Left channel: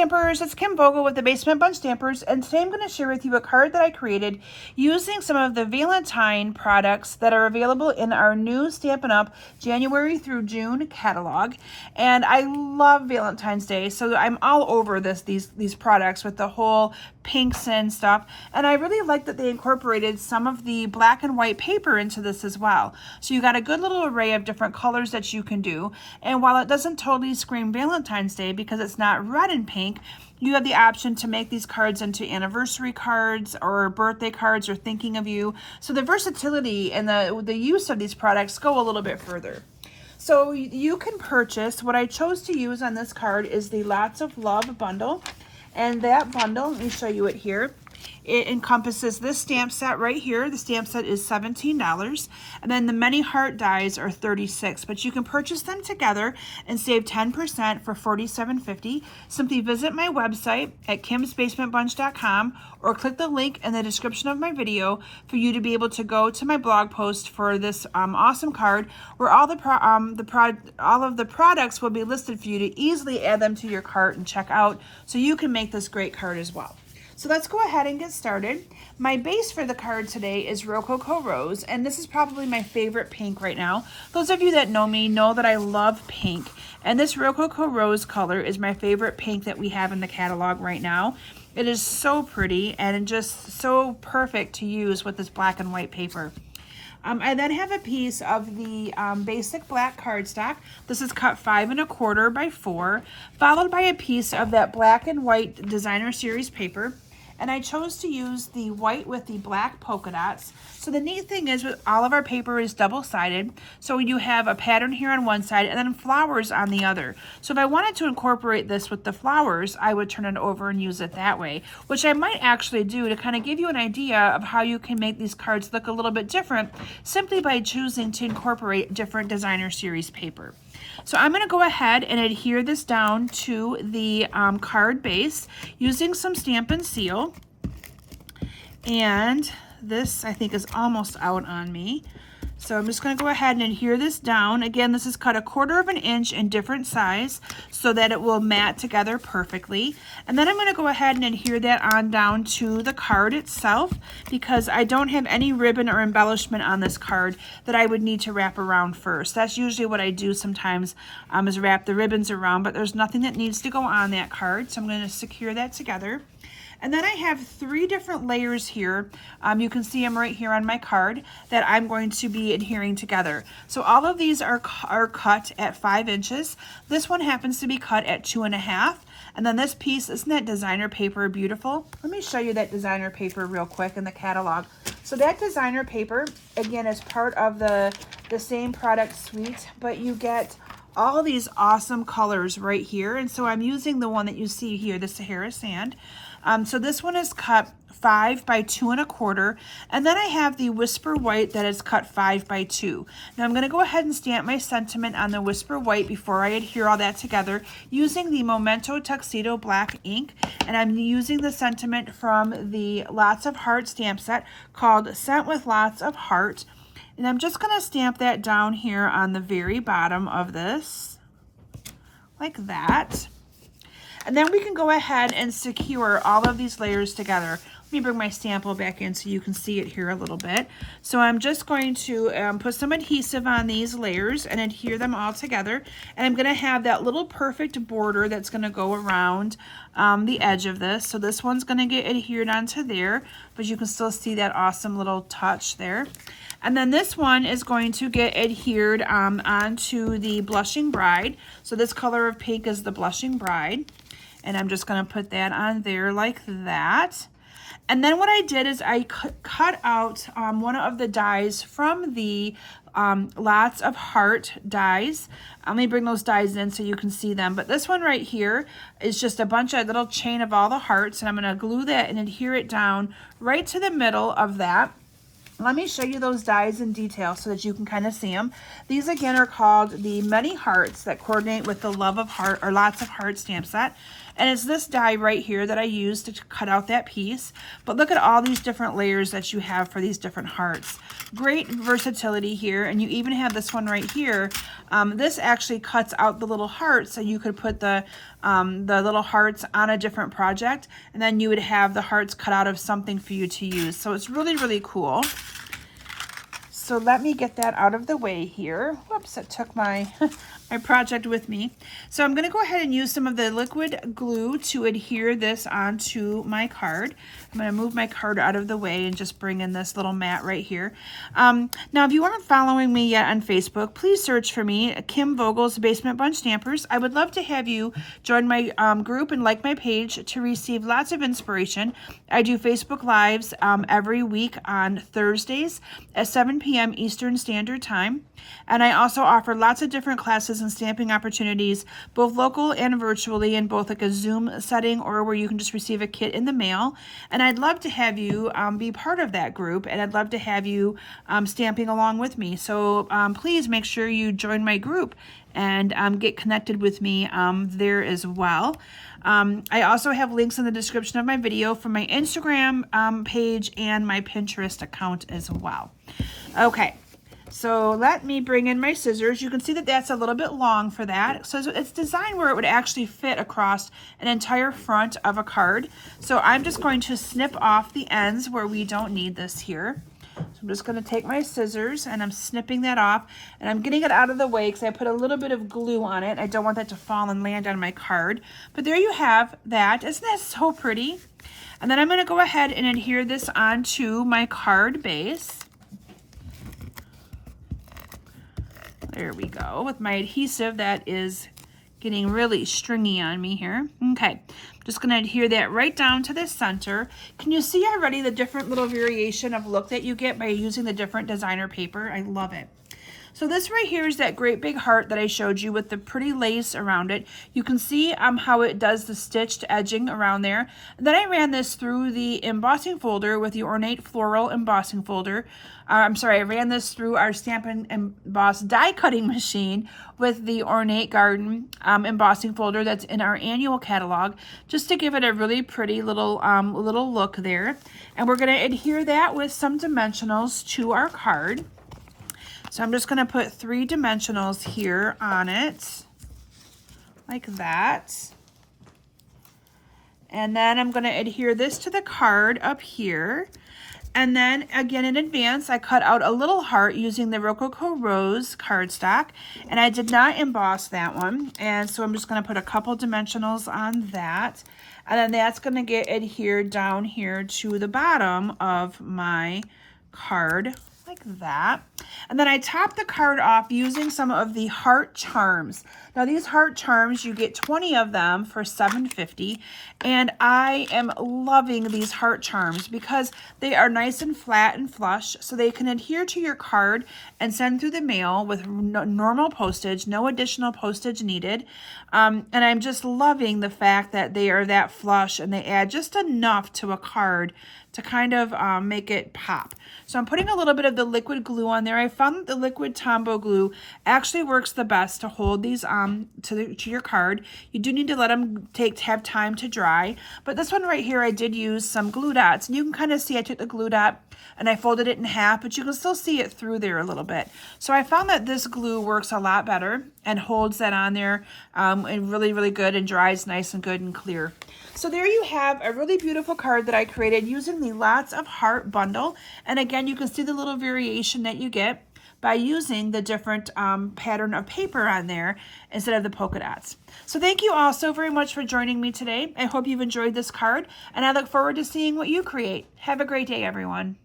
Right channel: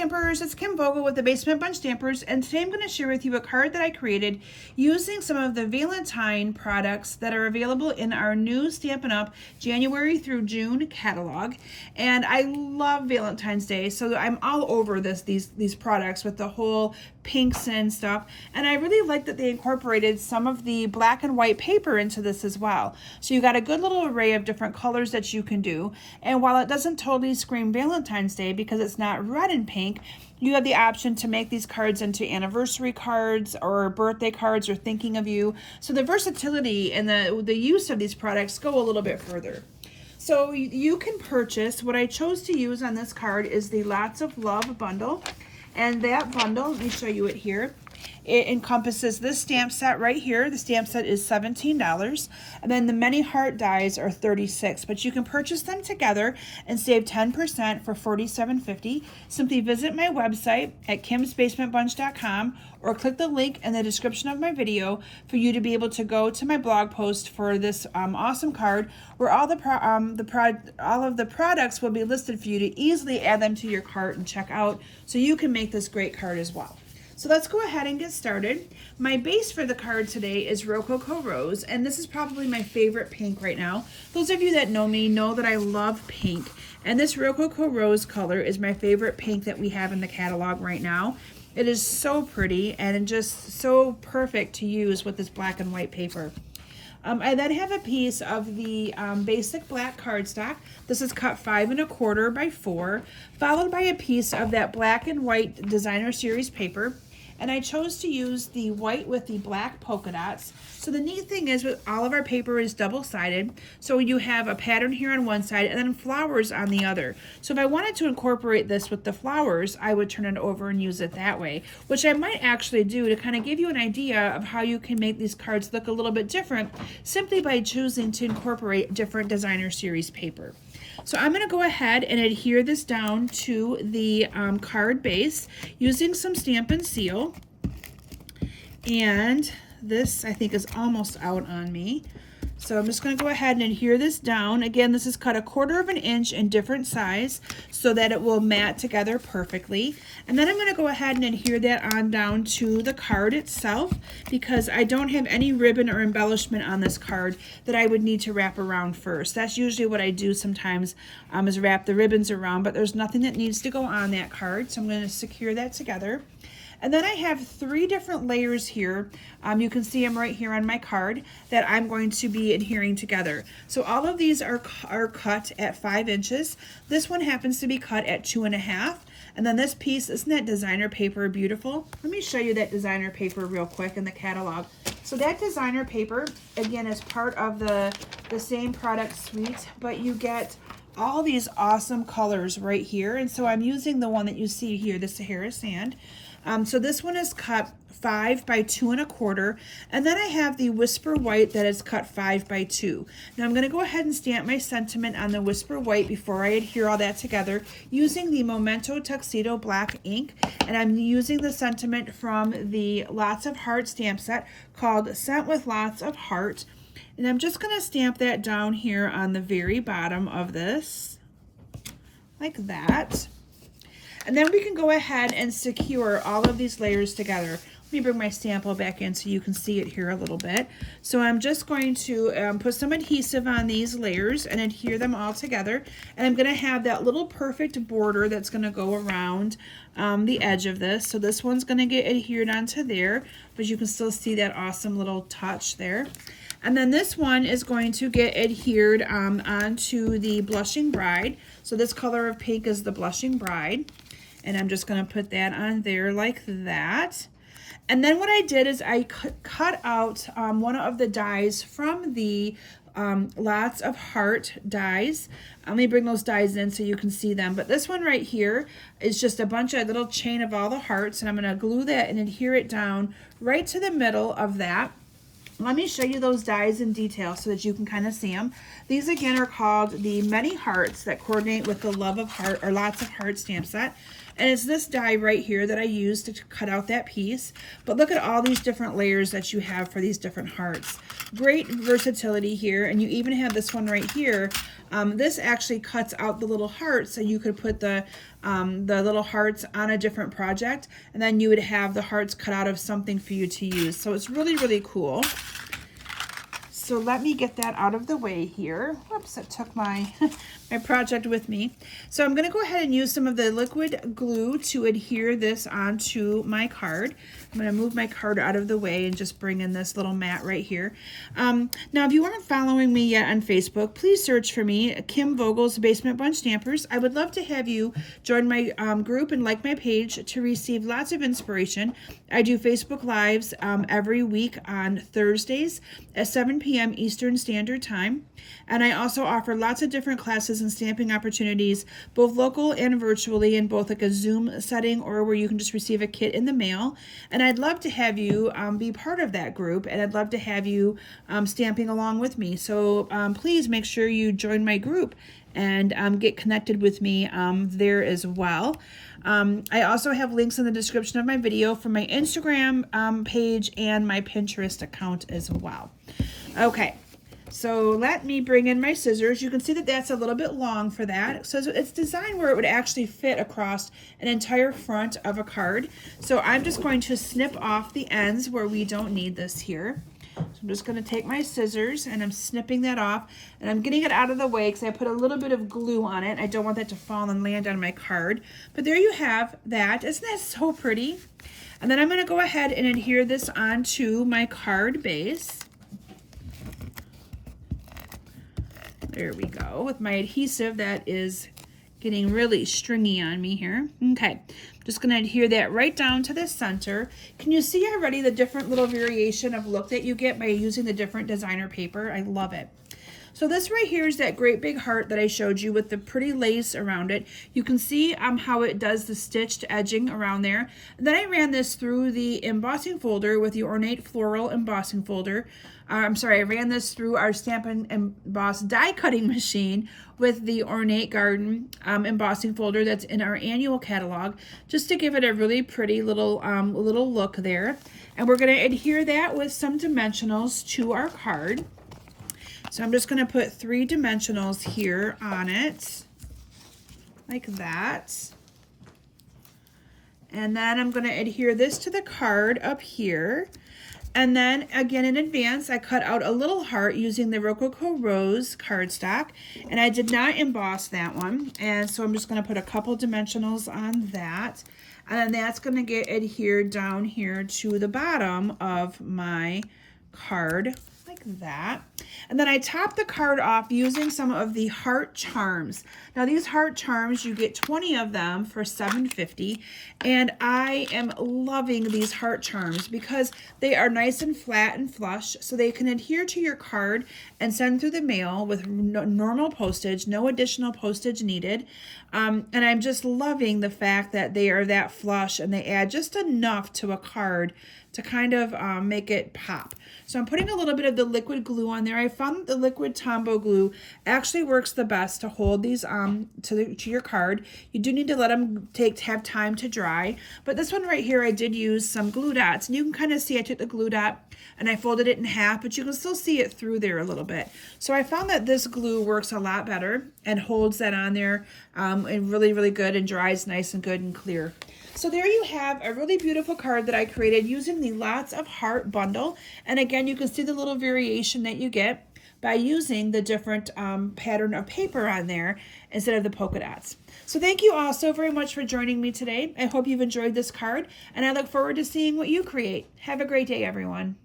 Stampers, it's Kim Vogel with the Basement Bunch Stampers, and today I'm going to share with you a card that I created using some of the Valentine products that are available in our new Stampin' Up! January through June catalog. And I love Valentine's Day, so I'm all over these products with the whole pinks and stuff. And I really like that they incorporated some of the black and white paper into this as well. So you got a good little array of different colors that you can do. And while it doesn't totally scream Valentine's Day because it's not red and pink, you have the option to make these cards into anniversary cards or birthday cards or thinking of you. So the versatility and the use of these products go a little bit further. So you can purchase, what I chose to use on this card is the Lots of Love bundle. And that bundle, let me show you it here. It encompasses this stamp set right here. The stamp set is $17, and then the many heart dies are $36, but you can purchase them together and save 10% for $47.50. Simply visit my website at kimsbasementbunch.com or click the link in the description of my video for you to be able to go to my blog post for this awesome card where all of the products will be listed for you to easily add them to your cart and check out so you can make this great card as well. So let's go ahead and get started. My base for the card today is Rococo Rose, and this is probably my favorite pink right now. Those of you that know me know that I love pink, and this Rococo Rose color is my favorite pink that we have in the catalog right now. It is so pretty and just so perfect to use with this black and white paper. I then have a piece of the basic black cardstock. This is cut 5 1/4 by 4, followed by a piece of that black and white designer series paper. And I chose to use the white with the black polka dots. So the neat thing is with all of our paper is double-sided. So you have a pattern here on one side and then flowers on the other. So if I wanted to incorporate this with the flowers, I would turn it over and use it that way, which I might actually do to kind of give you an idea of how you can make these cards look a little bit different simply by choosing to incorporate different designer series paper. So I'm going to go ahead and adhere this down to the card base using some Stampin' Seal. And this, I think, is almost out on me. So I'm just going to go ahead and adhere this down. Again, this is cut 1/4 inch in different size so that it will mat together perfectly. And then I'm going to go ahead and adhere that on down to the card itself because I don't have any ribbon or embellishment on this card that I would need to wrap around first. That's usually what I do sometimes is wrap the ribbons around, but there's nothing that needs to go on that card. So I'm going to secure that together. And then I have 3 different layers here. You can see them right here on my card that I'm going to be adhering together. So all of these are cut at 5 inches. This one happens to be cut at 2.5. And then this piece, isn't that designer paper beautiful? Let me show you that designer paper real quick in the catalog. So that designer paper, again, is part of the same product suite, but you get all these awesome colors right here. And so I'm using the one that you see here, the Sahara Sand. So this one is cut 5 by 2 1/4, and then I have the Whisper White that is cut 5 by 2. Now I'm going to go ahead and stamp my sentiment on the Whisper White before I adhere all that together using the Memento Tuxedo Black ink, and I'm using the sentiment from the Lots of Heart stamp set called Sent with Lots of Heart, and I'm just going to stamp that down here on the very bottom of this, like that. And then we can go ahead and secure all of these layers together. Let me bring my sample back in so you can see it here a little bit. So I'm just going to put some adhesive on these layers and adhere them all together. And I'm going to have that little perfect border that's going to go around the edge of this. So this one's going to get adhered onto there, but you can still see that awesome little touch there. And then this one is going to get adhered onto the Blushing Bride. So this color of pink is the Blushing Bride. And I'm just going to put that on there like that. And then what I did is I cut out one of the dies from the Lots of Heart dies. Let me bring those dies in so you can see them. But this one right here is just a bunch of little chain of all the hearts. And I'm going to glue that and adhere it down right to the middle of that. Let me show you those dies in detail so that you can kind of see them. These again are called the Many Hearts that coordinate with the Love of Heart or Lots of Heart stamp set. And it's this die right here that I used to cut out that piece. But look at all these different layers that you have for these different hearts. Great versatility here. And you even have this one right here. This actually cuts out the little hearts, so you could put the little hearts on a different project, and then you would have the hearts cut out of something for you to use. So it's really, really cool. So let me get that out of the way here. Whoops, I took my, my project with me. So I'm gonna go ahead and use some of the liquid glue to adhere this onto my card. I'm gonna move my card out of the way and just bring in this little mat right here. Now, if you aren't following me yet on Facebook, please search for me, Kim Vogel's Basement Bunch Stampers. I would love to have you join my group and like my page to receive lots of inspiration. I do Facebook Lives every week on Thursdays at 7 p.m. Eastern Standard Time. And I also offer lots of different classes and stamping opportunities, both local and virtually, in both like a Zoom setting or where you can just receive a kit in the mail. And I'd love to have you be part of that group, and I'd love to have you stamping along with me. So please make sure you join my group and get connected with me there as well. I also have links in the description of my video for my Instagram page and my Pinterest account as well. Okay, so let me bring in my scissors. You can see that that's a little bit long for that. So it's designed where it would actually fit across an entire front of a card. So I'm just going to snip off the ends where we don't need this here. So I'm just going to take my scissors and I'm snipping that off, and I'm getting it out of the way because I put a little bit of glue on it. I don't want that to fall and land on my card. But there you have that. Isn't that so pretty? And then I'm going to go ahead and adhere this onto my card base. There we go, with my adhesive that is getting really stringy on me here. Okay, just gonna adhere that right down to the center. Can you see already the different little variation of look that you get by using the different designer paper? I love it. So this right here is that great big heart that I showed you with the pretty lace around it. You can see how it does the stitched edging around there. And then I ran this through the embossing folder with the ornate floral embossing folder. I ran this through our Stampin' Emboss die cutting machine with the ornate garden embossing folder that's in our annual catalog, just to give it a really pretty little look there. And we're going to adhere that with some dimensionals to our card. So I'm just going to put 3 dimensionals here on it, like that. And then I'm going to adhere this to the card up here. And then again in advance, I cut out a little heart using the Rococo Rose cardstock, and I did not emboss that one. And so I'm just going to put a couple dimensionals on that. And then that's going to get adhered down here to the bottom of my card, like that. And then I top the card off using some of the heart charms. Now these heart charms, you get 20 of them for $7.50, and I am loving these heart charms because they are nice and flat and flush, so they can adhere to your card and send through the mail with normal postage, no additional postage needed. And I'm just loving the fact that they are that flush and they add just enough to a card to kind of make it pop. So I'm putting a little bit of the liquid glue on there. I found that the liquid Tombow glue actually works the best to hold these to your card. You do need to let them have time to dry. But this one right here, I did use some glue dots. And you can kind of see I took the glue dot and I folded it in half, but you can still see it through there a little bit. So I found that this glue works a lot better and holds that on there and really, really good, and dries nice and good and clear. So there you have a really beautiful card that I created using the Lots of Heart bundle. And again, you can see the little variation that you get by using the different pattern of paper on there instead of the polka dots. So thank you all so very much for joining me today. I hope you've enjoyed this card, and I look forward to seeing what you create. Have a great day, everyone.